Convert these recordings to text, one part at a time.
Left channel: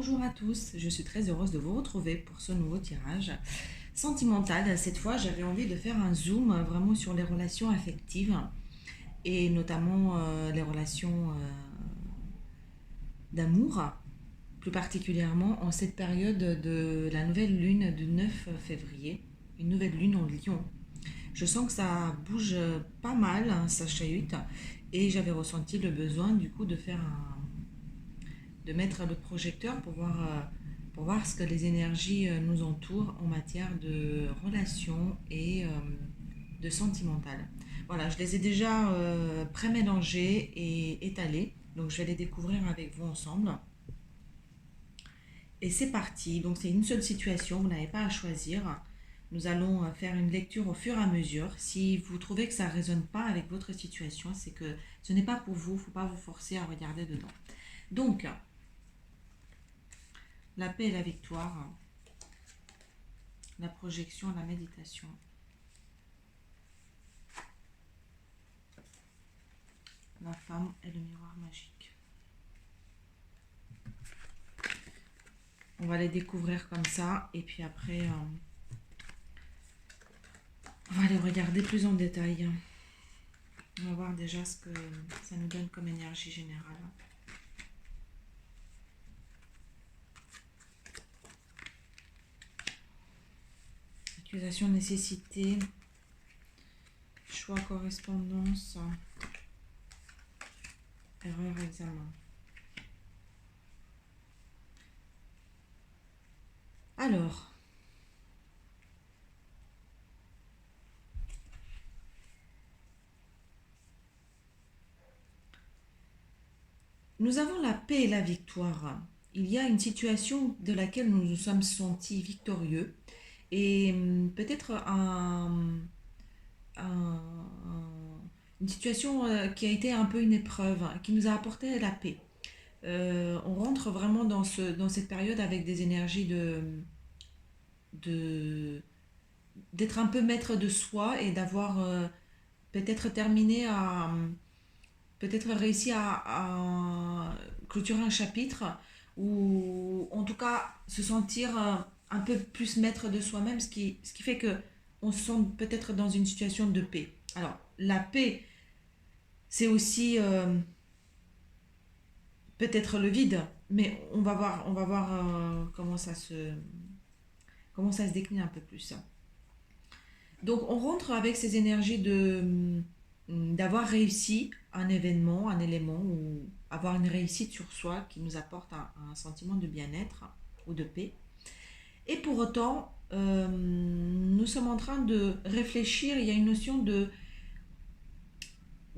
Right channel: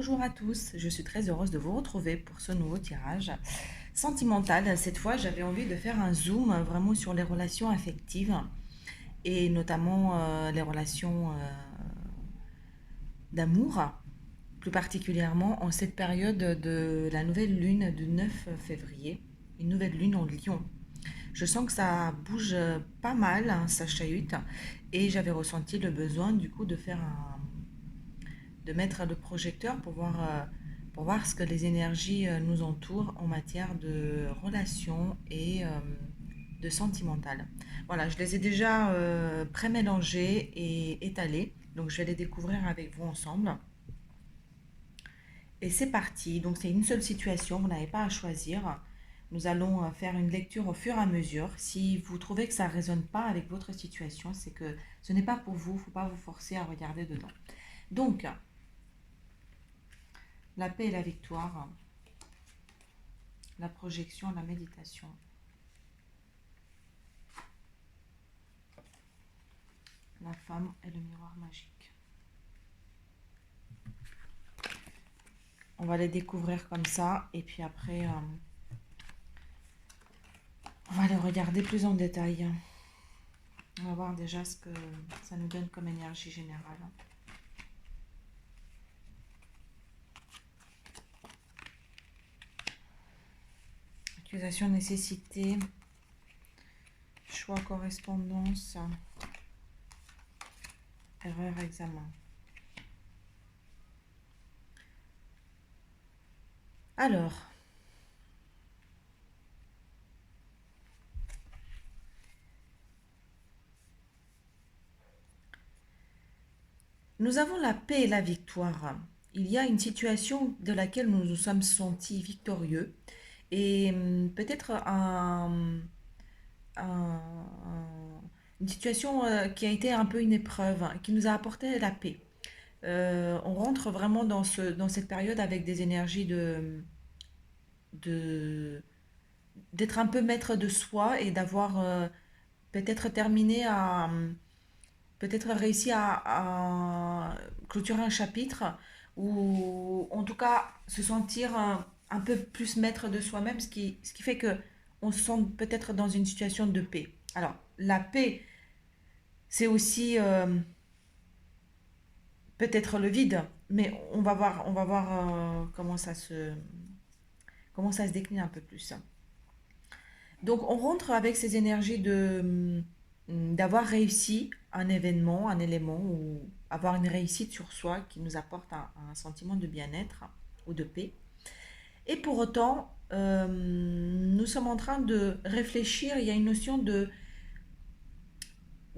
Bonjour à tous, je suis très heureuse de vous retrouver pour ce nouveau tirage sentimental. Cette fois, j'avais envie de faire un zoom vraiment sur les relations affectives et notamment les relations d'amour, plus particulièrement en cette période de la nouvelle lune du 9 février, une nouvelle lune en Lion. Je sens que ça bouge pas mal, hein, ça chahute, et j'avais ressenti le besoin du coup de mettre le projecteur pour voir ce que les énergies nous entourent en matière de relations et de sentimental. Voilà, je les ai déjà pré-mélangés et étalés, donc je vais les découvrir avec vous ensemble. Et c'est parti, donc c'est une seule situation, vous n'avez pas à choisir. Nous allons faire une lecture au fur et à mesure. Si vous trouvez que ça ne résonne pas avec votre situation, c'est que ce n'est pas pour vous, il ne faut pas vous forcer à regarder dedans. Donc, la paix et la victoire, la projection, la méditation. La femme et le miroir magique. On va les découvrir comme ça et puis après, on va les regarder plus en détail. On va voir déjà ce que ça nous donne comme énergie générale. Accusation, nécessité, choix, correspondance, erreur, examen. Alors, nous avons la paix et la victoire. Il y a une situation de laquelle nous nous sommes sentis victorieux et peut-être un- une situation qui a été un peu une épreuve, hein, qui nous a apporté la paix. On rentre vraiment dans cette période avec des énergies de, d'être un peu maître de soi et d'avoir peut-être terminé à, peut-être réussi à clôturer un chapitre ou en tout cas se sentir un peu plus maître de soi-même, ce qui fait que on se sent peut-être dans une situation de paix. Alors, la paix, c'est aussi peut-être le vide, mais on va voir comment ça se décline un peu plus. Donc on rentre avec ces énergies d'avoir réussi un événement, un élément, ou avoir une réussite sur soi qui nous apporte un sentiment de bien-être ou de paix. Et pour autant, nous sommes en train de réfléchir, il y a une notion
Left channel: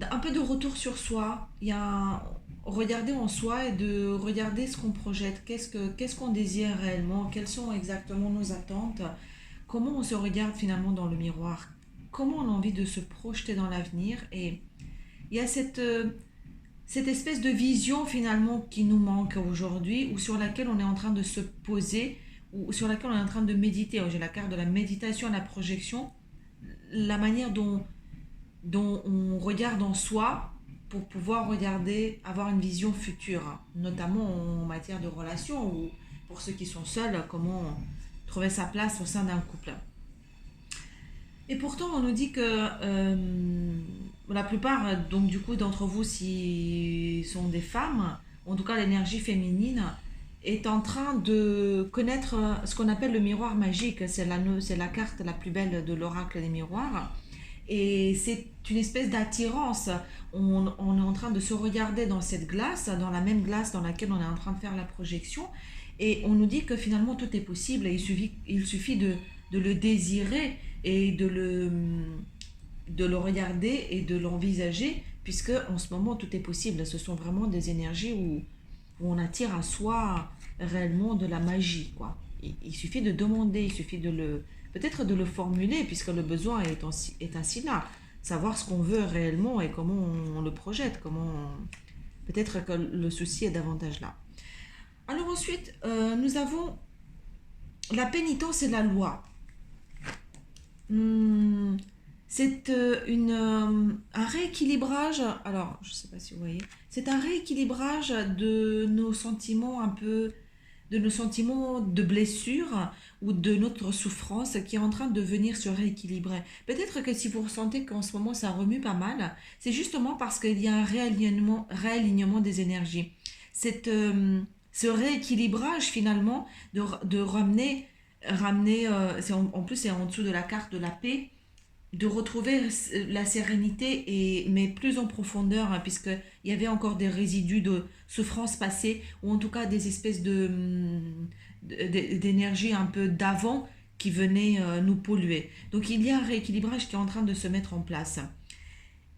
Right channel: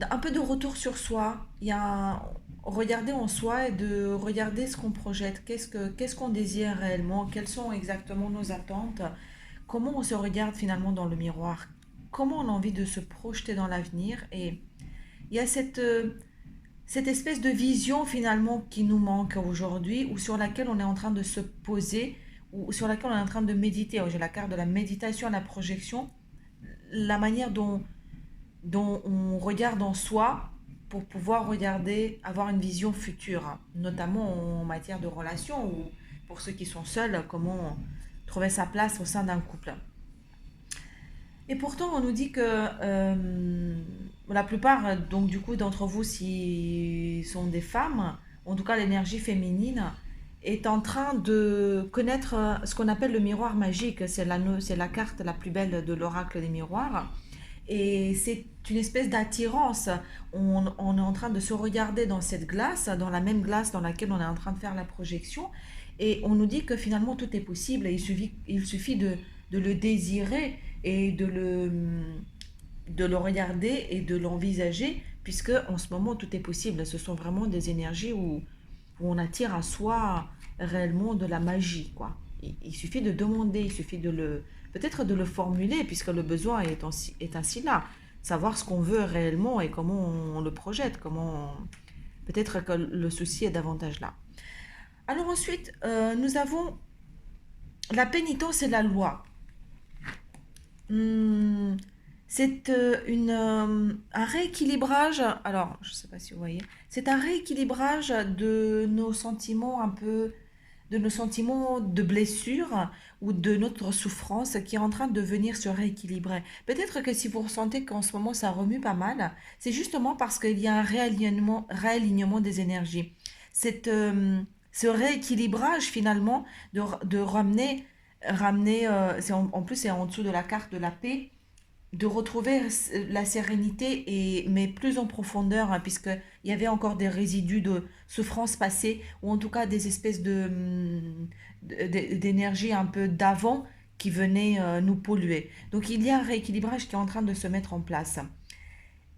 un peu de retour sur soi, il y a regarder en soi et de regarder ce qu'on projette, qu'est-ce qu'on désire réellement, quelles sont exactement nos attentes, comment on se regarde finalement dans le miroir, comment on a envie de se projeter dans l'avenir. Et il y a cette espèce de vision finalement qui nous manque aujourd'hui ou sur laquelle on est en train de se poser ou sur laquelle on est en train de méditer. J'ai la carte de la méditation, la projection, la manière dont on regarde en soi pour pouvoir regarder, avoir une vision future, notamment en matière de relations ou pour ceux qui sont seuls, comment trouver sa place au sein d'un couple. Et pourtant, on nous dit que la plupart, donc du coup, d'entre vous, si sont des femmes, en tout cas l'énergie féminine, est en train de connaître ce qu'on appelle le miroir magique. C'est la carte la plus belle de l'oracle des miroirs. Et c'est une espèce d'attirance. On est en train de se regarder dans cette glace, dans la même glace dans laquelle on est en train de faire la projection. Et on nous dit que finalement tout est possible. Et il suffit de le désirer et de le regarder et de l'envisager, puisque en ce moment tout est possible. Ce sont vraiment des énergies où on attire à soi réellement de la magie, quoi. Il suffit de demander, il suffit de le peut-être de le formuler, puisque le besoin est ainsi là. Savoir ce qu'on veut réellement et comment on le projette, comment peut-être que le souci est davantage là. Alors ensuite, nous avons la pénitence et la loi. Hum, c'est un rééquilibrage, alors je ne sais pas si vous voyez, c'est un rééquilibrage de nos sentiments un peu de nos sentiments de blessure ou de notre souffrance qui est en train de venir se rééquilibrer. Peut-être que si vous ressentez qu'en ce moment ça remue pas mal, c'est justement parce qu'il y a un réalignement des énergies. Cette, ce rééquilibrage finalement de ramener en plus c'est en dessous de la carte de la paix, de retrouver la sérénité et mais plus en profondeur hein, puisque il y avait encore des résidus de souffrance passée ou en tout cas des espèces d'énergie un peu d'avant qui venaient nous polluer. Donc il y a un rééquilibrage qui est en train de se mettre en place.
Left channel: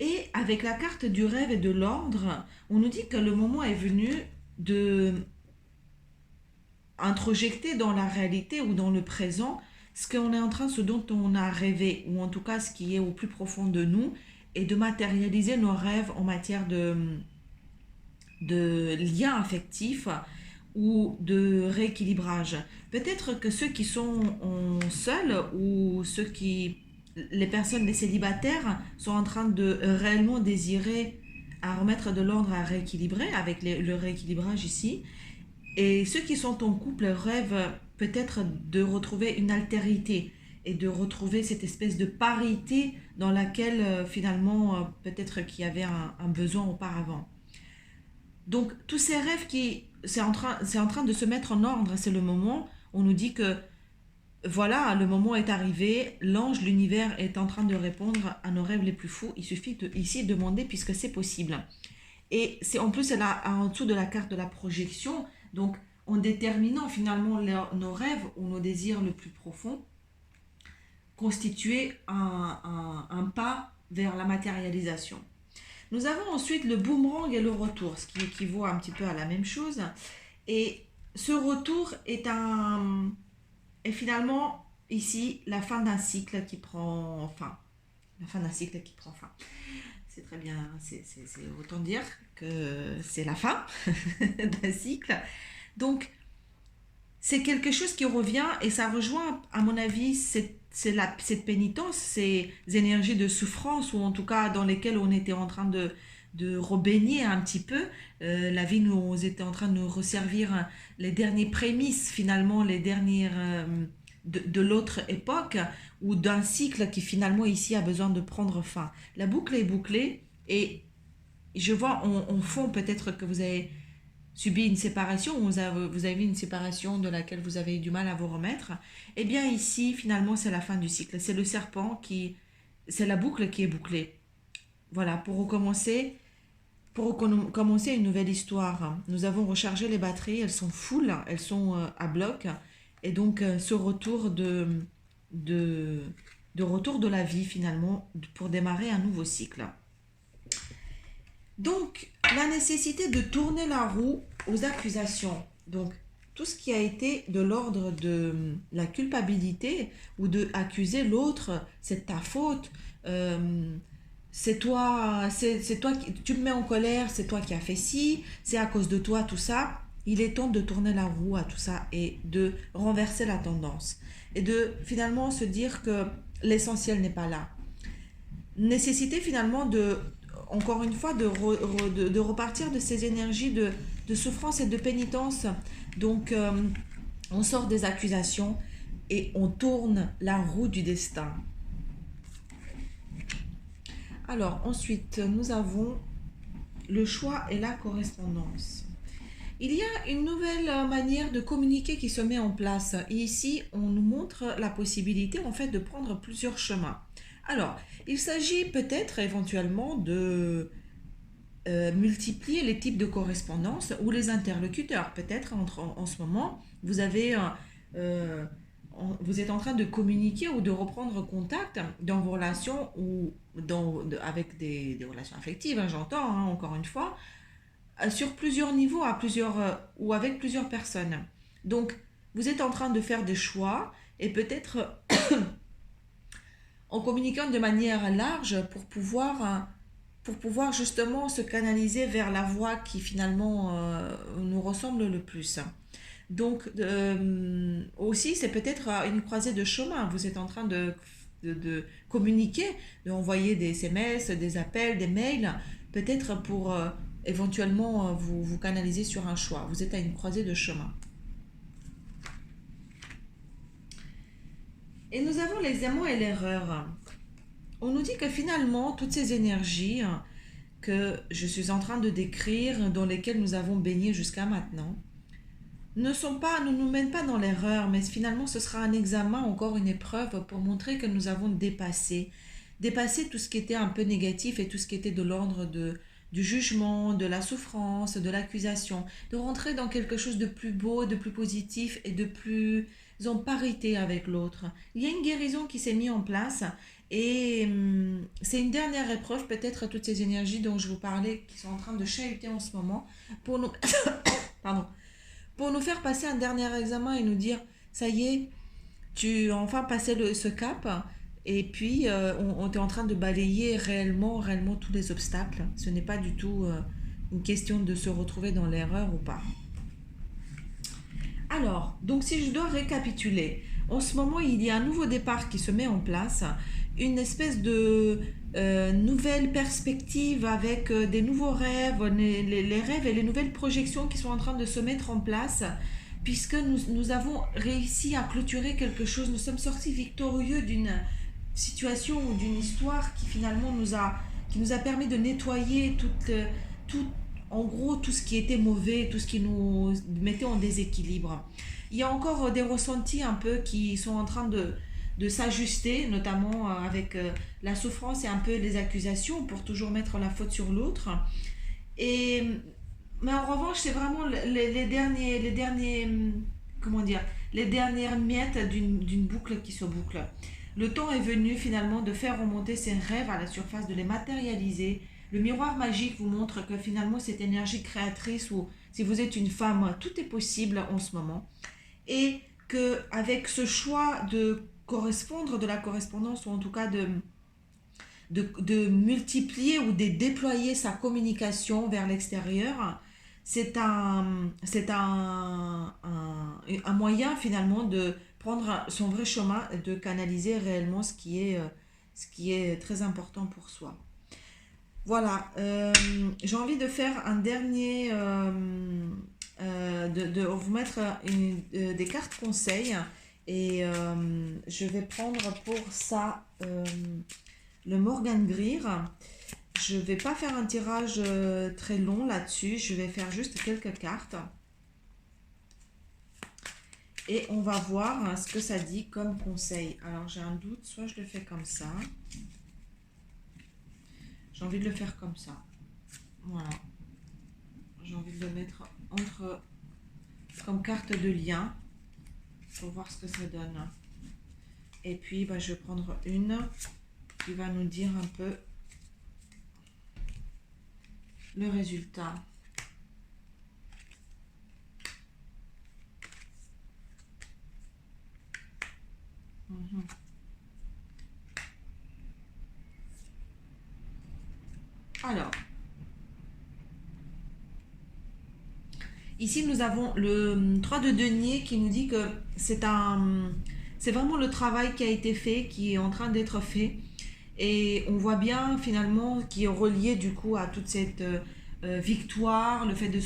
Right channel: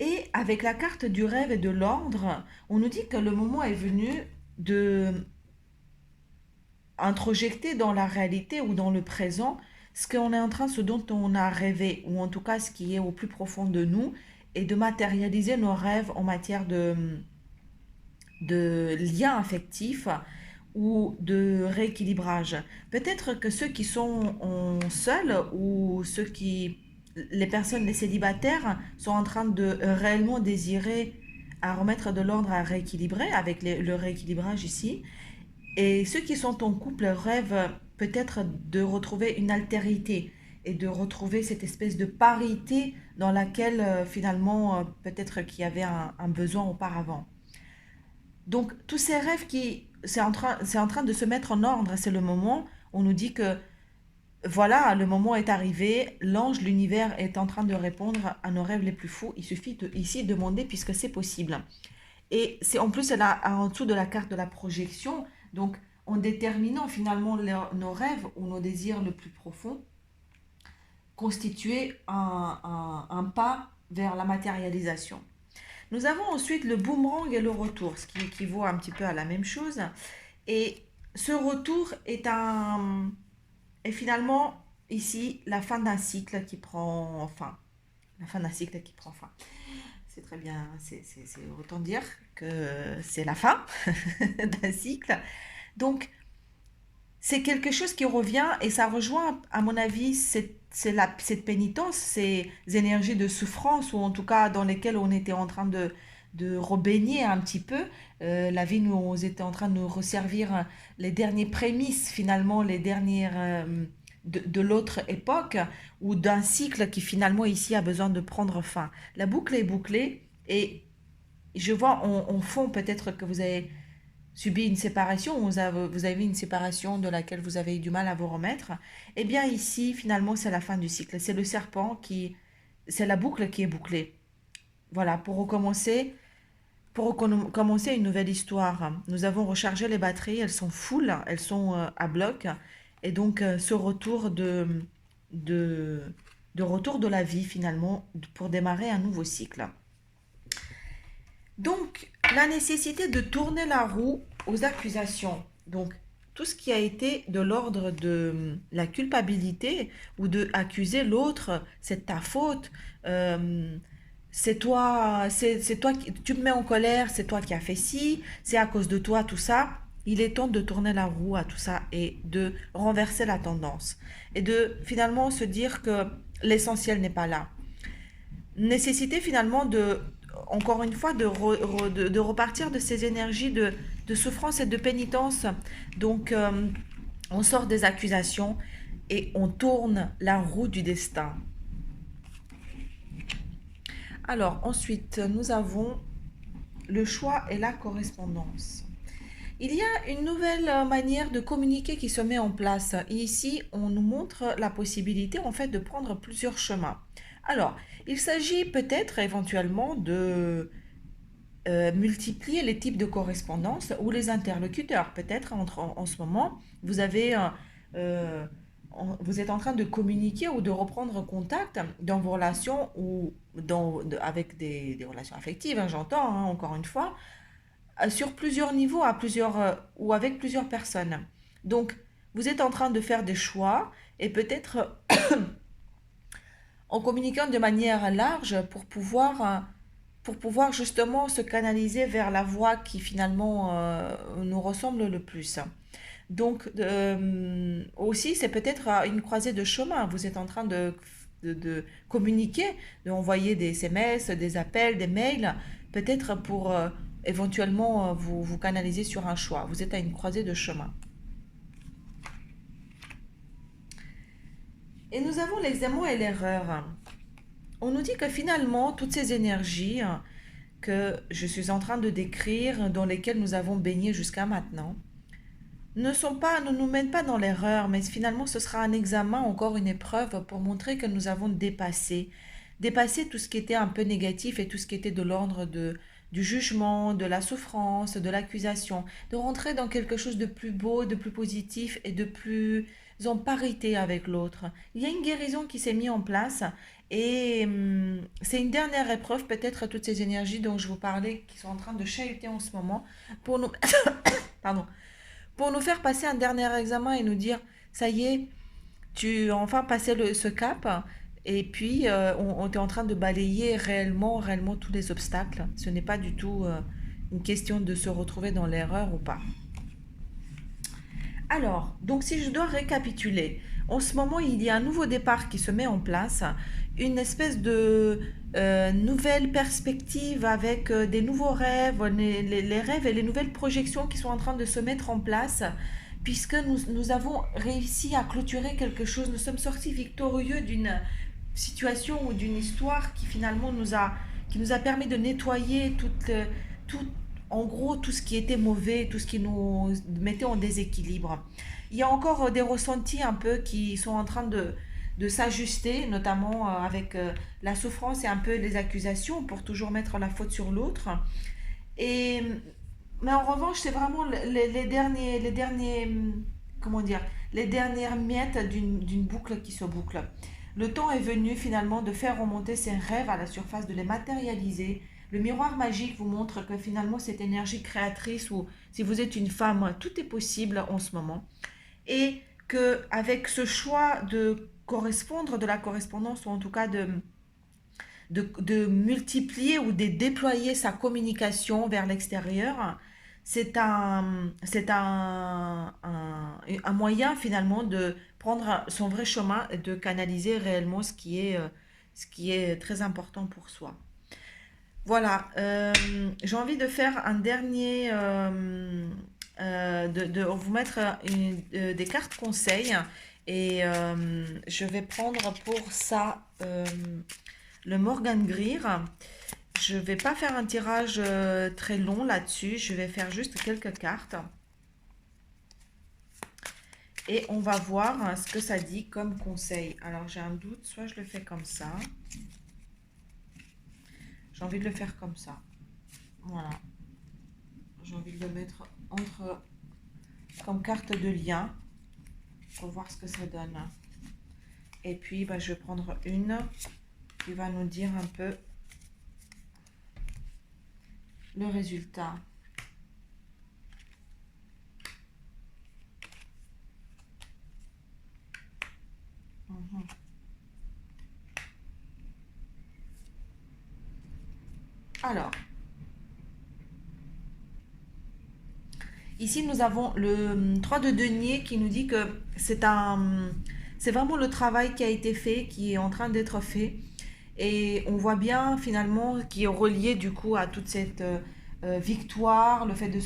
Et avec la carte du rêve et de l'ordre, on nous dit que le moment est venu de introjecter dans la réalité ou dans le présent ce qu'on est en train, ce dont on a rêvé, ou en tout cas ce qui est au plus profond de nous, et de matérialiser nos rêves en matière de liens affectifs ou de rééquilibrage. Peut-être que ceux qui sont seuls ou les personnes, les célibataires, sont en train de réellement désirer à remettre de l'ordre à rééquilibrer avec le rééquilibrage ici. Et ceux qui sont en couple rêvent peut-être de retrouver une altérité et de retrouver cette espèce de parité dans laquelle finalement peut-être qu'il y avait un besoin auparavant. Donc tous ces rêves c'est en train de se mettre en ordre, c'est le moment, on nous dit que voilà, le moment est arrivé, l'ange, l'univers est en train de répondre à nos rêves les plus fous, il suffit ici de demander puisque c'est possible. Et c'est en plus elle a en dessous de la carte de la projection, donc en déterminant finalement nos rêves ou nos désirs le plus profond, constituer un pas vers la matérialisation. Nous avons ensuite le boomerang et le retour, ce qui équivaut un petit peu à la même chose. Et ce retour est finalement ici la fin d'un cycle qui prend fin. La fin d'un cycle qui prend fin. C'est très bien, c'est autant dire que c'est la fin d'un cycle. Donc, c'est quelque chose qui revient et ça rejoint, à mon avis, cette pénitence, ces énergies de souffrance ou en tout cas dans lesquelles on était en train de rebaigner un petit peu. La vie nous était en train de nous resservir les derniers prémices, finalement, les dernières de l'autre époque ou d'un cycle qui finalement ici a besoin de prendre fin. La boucle est bouclée et je vois en fond peut-être que vous avez subi une séparation, ou vous avez une séparation de laquelle vous avez eu du mal à vous remettre, eh bien ici, finalement, c'est la fin du cycle. C'est le serpent c'est la boucle qui est bouclée. Voilà, pour recommencer une nouvelle histoire. Nous avons rechargé les batteries, elles sont full, elles sont à bloc, et donc ce de, retour de la vie, finalement, pour démarrer un nouveau cycle. Donc, la nécessité de tourner la roue aux accusations. Donc, tout ce qui a été de l'ordre de la culpabilité ou de accuser l'autre, c'est ta faute, c'est toi, tu me mets en colère, c'est toi qui as fait ci, c'est à cause de toi, tout ça. Il est temps de tourner la roue à tout ça et de renverser la tendance. Et de finalement se dire que l'essentiel n'est pas là. Nécessité finalement encore une fois, de repartir de ces énergies de souffrance et de pénitence. Donc, on sort des accusations et on tourne la roue du destin. Alors, ensuite, nous avons le choix et la correspondance. Il y a une nouvelle manière de communiquer qui se met en place. Et ici, on nous montre la possibilité, en fait, de prendre plusieurs chemins. Alors, il s'agit peut-être éventuellement de multiplier les types de correspondance ou les interlocuteurs. Peut-être en ce moment, vous êtes en train de communiquer ou de reprendre contact dans vos relations ou avec des relations affectives, hein, j'entends, hein, encore une fois, sur plusieurs niveaux ou avec plusieurs personnes. Donc, vous êtes en train de faire des choix et peut-être en communiquant de manière large pour pouvoir justement se canaliser vers la voie qui finalement nous ressemble le plus. Donc aussi c'est peut-être une croisée de chemin. Vous êtes en train de communiquer, d'envoyer des SMS, des appels, des mails, peut-être pour éventuellement vous canaliser sur un choix. Vous êtes à une croisée de chemin. Et nous avons l'examen et l'erreur. On nous dit que finalement, toutes ces énergies que je suis en train de décrire, dans lesquelles nous avons baigné jusqu'à maintenant, ne nous mènent pas dans l'erreur, mais finalement ce sera un examen, encore une épreuve pour montrer que nous avons dépassé tout ce qui était un peu négatif et tout ce qui était de l'ordre du jugement, de la souffrance, de l'accusation, de rentrer dans quelque chose de plus beau, de plus positif et de plus en parité avec l'autre. Il y a une guérison qui s'est mise en place et c'est une dernière épreuve, peut-être toutes ces énergies dont je vous parlais qui sont en train de chahuter en ce moment pour nous, pardon, pour nous faire passer un dernier examen et nous dire, ça y est, tu as enfin passé ce cap et puis on est en train de balayer réellement tous les obstacles. Ce n'est pas du tout une question de se retrouver dans l'erreur ou pas. Alors, donc si je dois récapituler, en ce moment il y a un nouveau départ qui se met en place, une espèce de nouvelle perspective avec des nouveaux rêves, les rêves et les nouvelles projections qui sont en train de se mettre en place, puisque nous avons réussi à clôturer quelque chose, nous sommes sortis victorieux d'une situation ou d'une histoire qui finalement qui nous a permis de nettoyer tout, en gros tout ce qui était mauvais, tout ce qui nous mettait en déséquilibre. Il y a encore des ressentis un peu qui sont en train de s'ajuster, notamment avec la souffrance et un peu les accusations pour toujours mettre la faute sur l'autre. Et, mais en revanche, c'est vraiment comment dire, les dernières miettes d'une boucle qui se boucle. Le temps est venu finalement de faire remonter ces rêves à la surface, de les matérialiser. Le miroir magique vous montre que finalement cette énergie créatrice, ou si vous êtes une femme, tout est possible en ce moment. Et qu'avec ce choix de correspondre, de la correspondance, ou en tout cas de multiplier ou de déployer sa communication vers l'extérieur, c'est un moyen finalement de prendre son vrai chemin et de canaliser réellement ce qui est très important pour soi. Voilà, j'ai envie de faire un dernier, de vous mettre des cartes conseils et je vais prendre pour ça le Morgan Greer. Je ne vais pas faire un tirage très long là-dessus, je vais faire juste quelques cartes. Et on va voir ce que ça dit comme conseil. Alors j'ai un doute, soit je le fais comme ça. J'ai envie de le faire comme ça. Voilà. J'ai envie de le mettre comme carte de lien pour voir ce que ça donne. Et puis je vais prendre une qui va nous dire un peu le résultat. Alors, ici nous avons le 3 de denier qui nous dit que c'est vraiment le travail qui a été fait, qui est en train d'être fait. Et on voit bien finalement qui est relié du coup à toute cette victoire, le fait de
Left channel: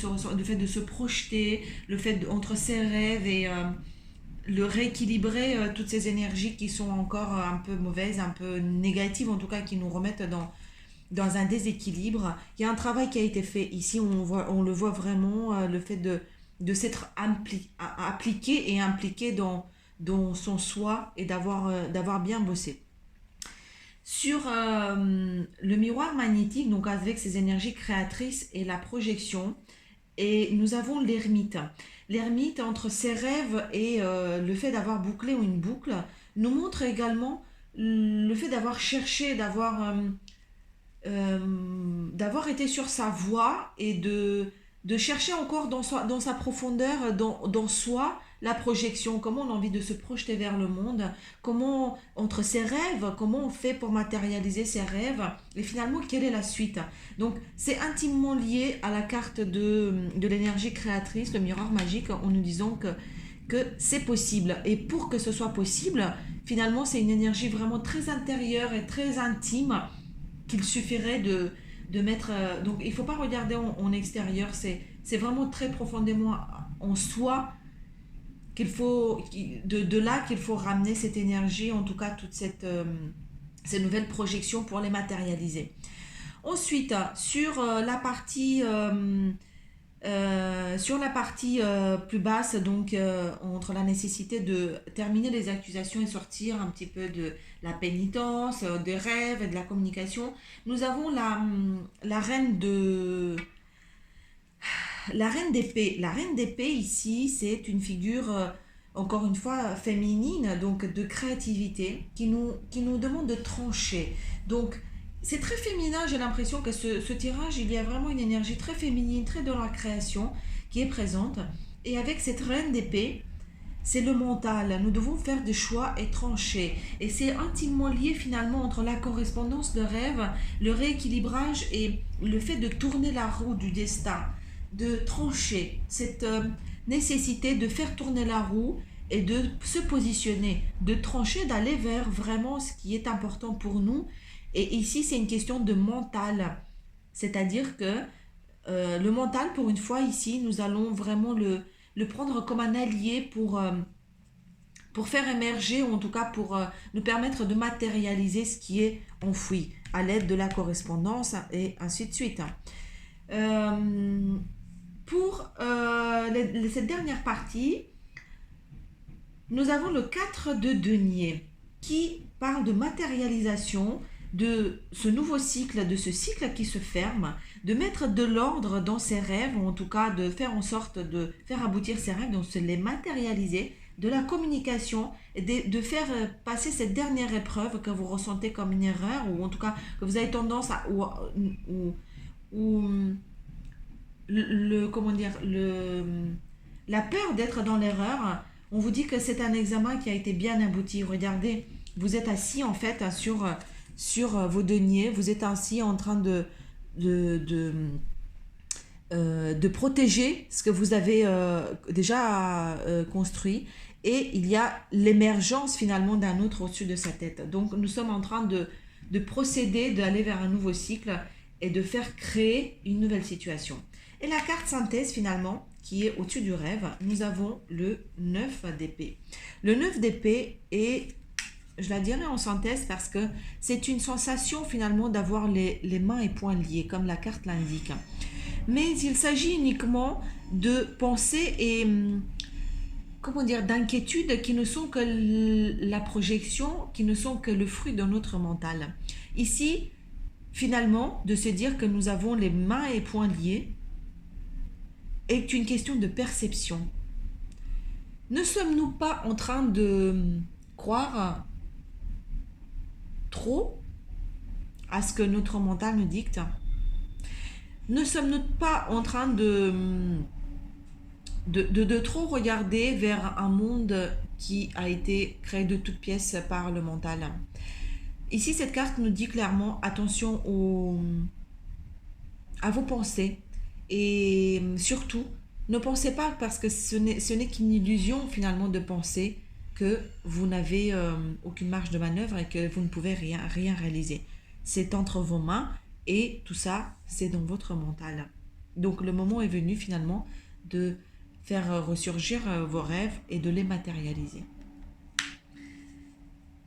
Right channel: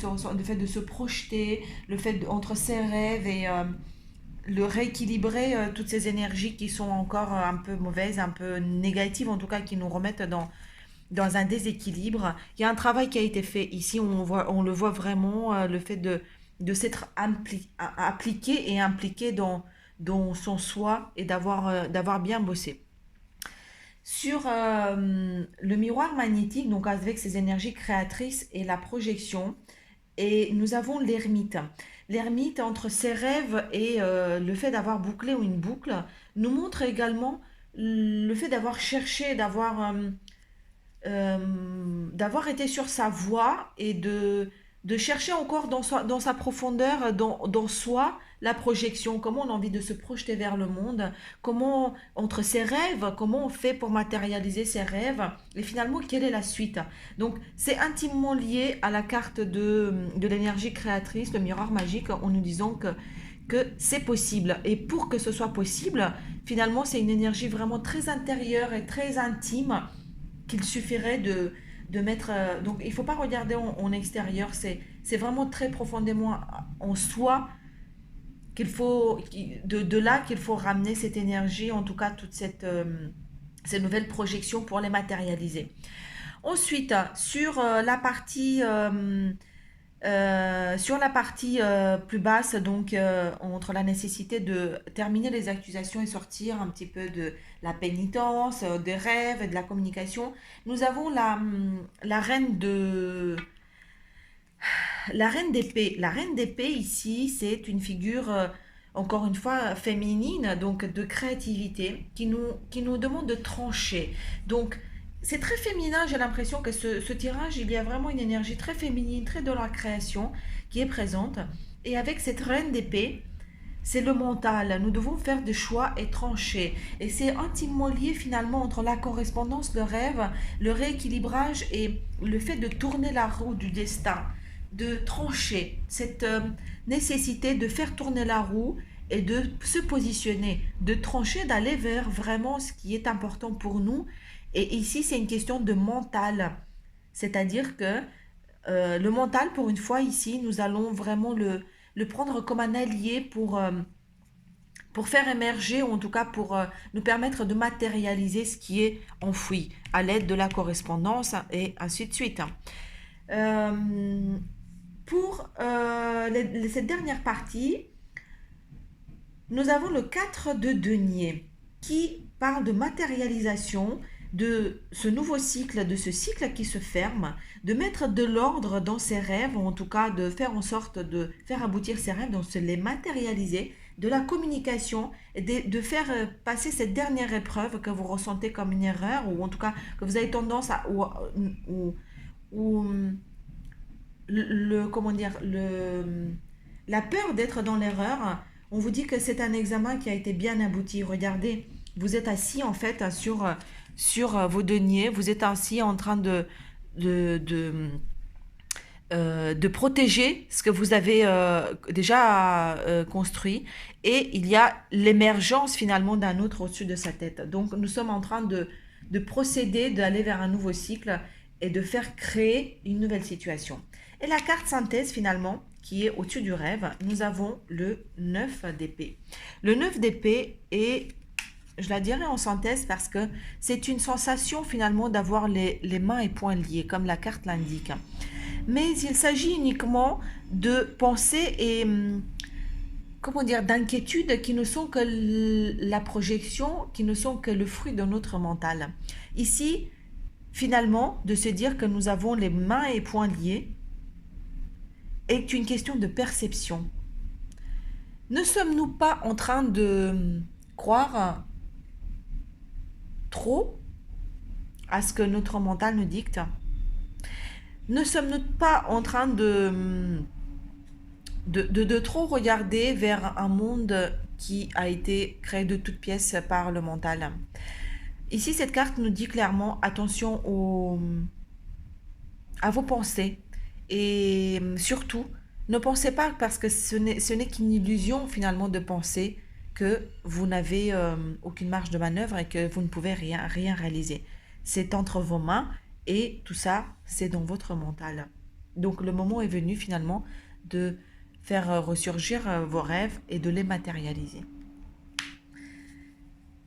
se projeter, le fait entre ses rêves et le rééquilibrer toutes ces énergies qui sont encore un peu mauvaises, un peu négatives en tout cas, qui nous remettent dans un déséquilibre. Il y a un travail qui a été fait ici, on le voit vraiment, le fait de s'être appliqué et impliqué dans son soi et d'avoir bien bossé. Sur le miroir magnétique, donc avec ses énergies créatrices et la projection, et nous avons l'ermite. L'ermite, entre ses rêves et le fait d'avoir bouclé ou une boucle, nous montre également le fait d'avoir cherché, d'avoir été sur sa voie et de chercher encore dans sa profondeur, dans soi, la projection, comment on a envie de se projeter vers le monde, comment, entre ses rêves, comment on fait pour matérialiser ses rêves, et finalement, quelle est la suite. Donc, c'est intimement lié à la carte de l'énergie créatrice, le miroir magique, en nous disant que c'est possible. Et pour que ce soit possible, finalement, c'est une énergie vraiment très intérieure et très intime qu'il suffirait de mettre... donc, il ne faut pas regarder en extérieur, c'est vraiment très profondément en soi de là qu'il faut ramener cette énergie, en tout cas toute ces nouvelles projections pour les matérialiser. Ensuite, sur la partie plus basse, donc entre la nécessité de terminer les accusations et sortir un petit peu de la pénitence, des rêves et de la communication, nous avons la reine la reine d'épée. La reine d'épée ici, c'est une figure encore une fois féminine, donc de créativité, qui nous demande de trancher. Donc c'est très féminin, j'ai l'impression que ce tirage, il y a vraiment une énergie très féminine, très dans la création qui est présente. Et avec cette reine d'épée, c'est le mental. Nous devons faire des choix et trancher. Et c'est intimement lié finalement entre la correspondance, le rêve, le rééquilibrage et le fait de tourner la roue du destin, de trancher. Cette nécessité de faire tourner la roue et de se positionner, de trancher, d'aller vers vraiment ce qui est important pour nous. Et ici, c'est une question de mental. C'est-à-dire que le mental, pour une fois, ici, nous allons vraiment le prendre comme un allié pour faire émerger, ou en tout cas pour nous permettre de matérialiser ce qui est enfoui à l'aide de la correspondance et ainsi de suite. Euh, pour cette dernière partie, nous avons le 4 de denier qui parle de matérialisation, de ce nouveau cycle, de ce cycle qui se ferme, de mettre de l'ordre dans ses rêves, ou en tout cas de faire en sorte de faire aboutir ses rêves, donc de les matérialiser, de la communication, et de faire passer cette dernière épreuve que vous ressentez comme une erreur, ou en tout cas que vous avez tendance à... ou comment dire, la peur d'être dans l'erreur. On vous dit que c'est un examen qui a été bien abouti. Regardez, vous êtes assis en fait sur vos deniers, vous êtes assis en train de, de, de protéger ce que vous avez déjà construit, et il y a l'émergence finalement d'un autre au-dessus de sa tête. Donc nous sommes en train de procéder, d'aller vers un nouveau cycle et de faire créer une nouvelle situation. Et la carte synthèse finalement, qui est au-dessus du rêve, nous avons le 9 d'épée. Le 9 d'épée est, je la dirais en synthèse, parce que c'est une sensation finalement d'avoir les mains et poings liés, comme la carte l'indique. Mais il s'agit uniquement de pensées et, comment dire, d'inquiétudes qui ne sont que la projection, qui ne sont que le fruit de notre mental. Ici, finalement, de se dire que nous avons les mains et poings liés est une question de perception. Ne sommes-nous pas en train de croire trop à ce que notre mental nous dicte? Ne sommes-nous pas en train de trop regarder vers un monde qui a été créé de toutes pièces par le mental? Ici, cette carte nous dit clairement attention à vos pensées, et surtout, ne pensez pas, parce que ce n'est qu'une illusion finalement de penser que vous n'avez aucune marge de manœuvre et que vous ne pouvez rien réaliser. C'est entre vos mains, et tout ça, c'est dans votre mental. Donc le moment est venu finalement de faire ressurgir vos rêves et de les matérialiser.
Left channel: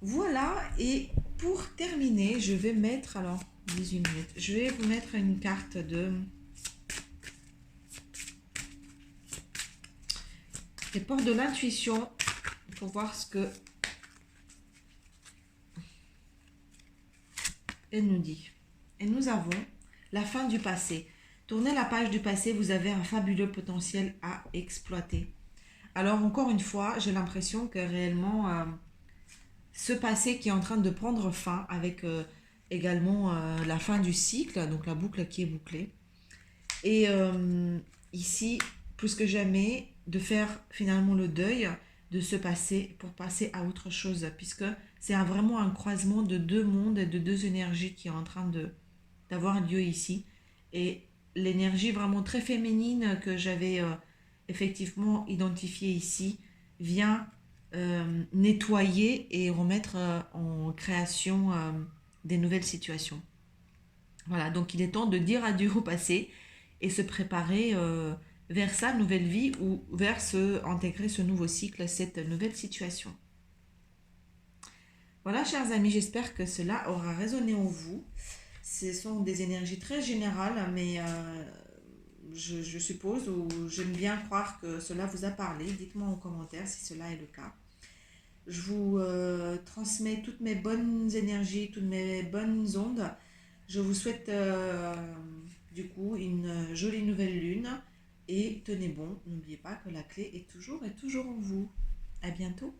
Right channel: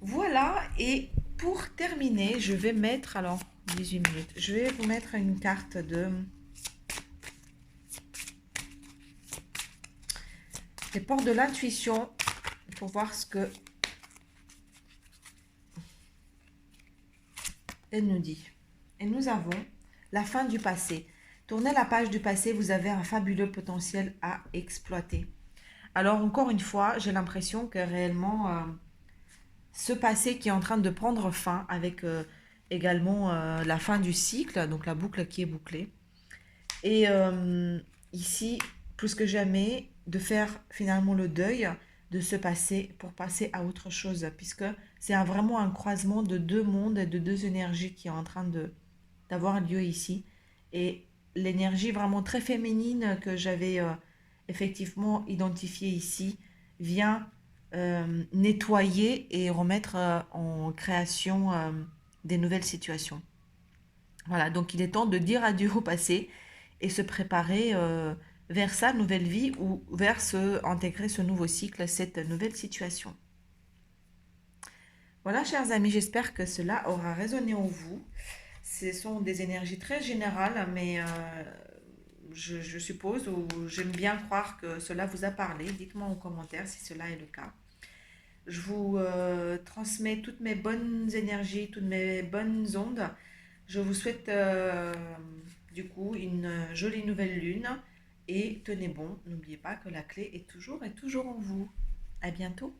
Voilà, et pour terminer, je vais mettre, alors 18 minutes, je vais vous mettre une carte des portes de l'intuition pour voir ce que elle nous dit. Et nous avons la fin du passé. Tournez la page du passé, vous avez un fabuleux potentiel à exploiter. Alors encore une fois, j'ai l'impression que réellement ce passé qui est en train de prendre fin, avec également la fin du cycle, donc la boucle qui est bouclée. Et ici, plus que jamais, de faire finalement le deuil de ce passé pour passer à autre chose, puisque c'est vraiment un croisement de deux mondes et de deux énergies qui est en train d'avoir lieu ici. Et l'énergie vraiment très féminine que j'avais effectivement identifiée ici vient nettoyer et remettre en création des nouvelles situations. Voilà, donc il est temps de dire adieu au passé et se préparer vers sa nouvelle vie ou vers intégrer ce nouveau cycle, cette nouvelle situation. Voilà, chers amis, j'espère que cela aura résonné en vous. Ce sont des énergies très générales, mais je suppose ou j'aime bien croire que cela vous a parlé. Dites-moi en commentaire si cela est le cas. Je vous transmets toutes mes bonnes énergies, toutes mes bonnes ondes. Je vous souhaite du coup une jolie nouvelle lune et tenez bon, n'oubliez pas que la clé est toujours en vous. À bientôt.